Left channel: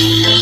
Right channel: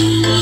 Thank you.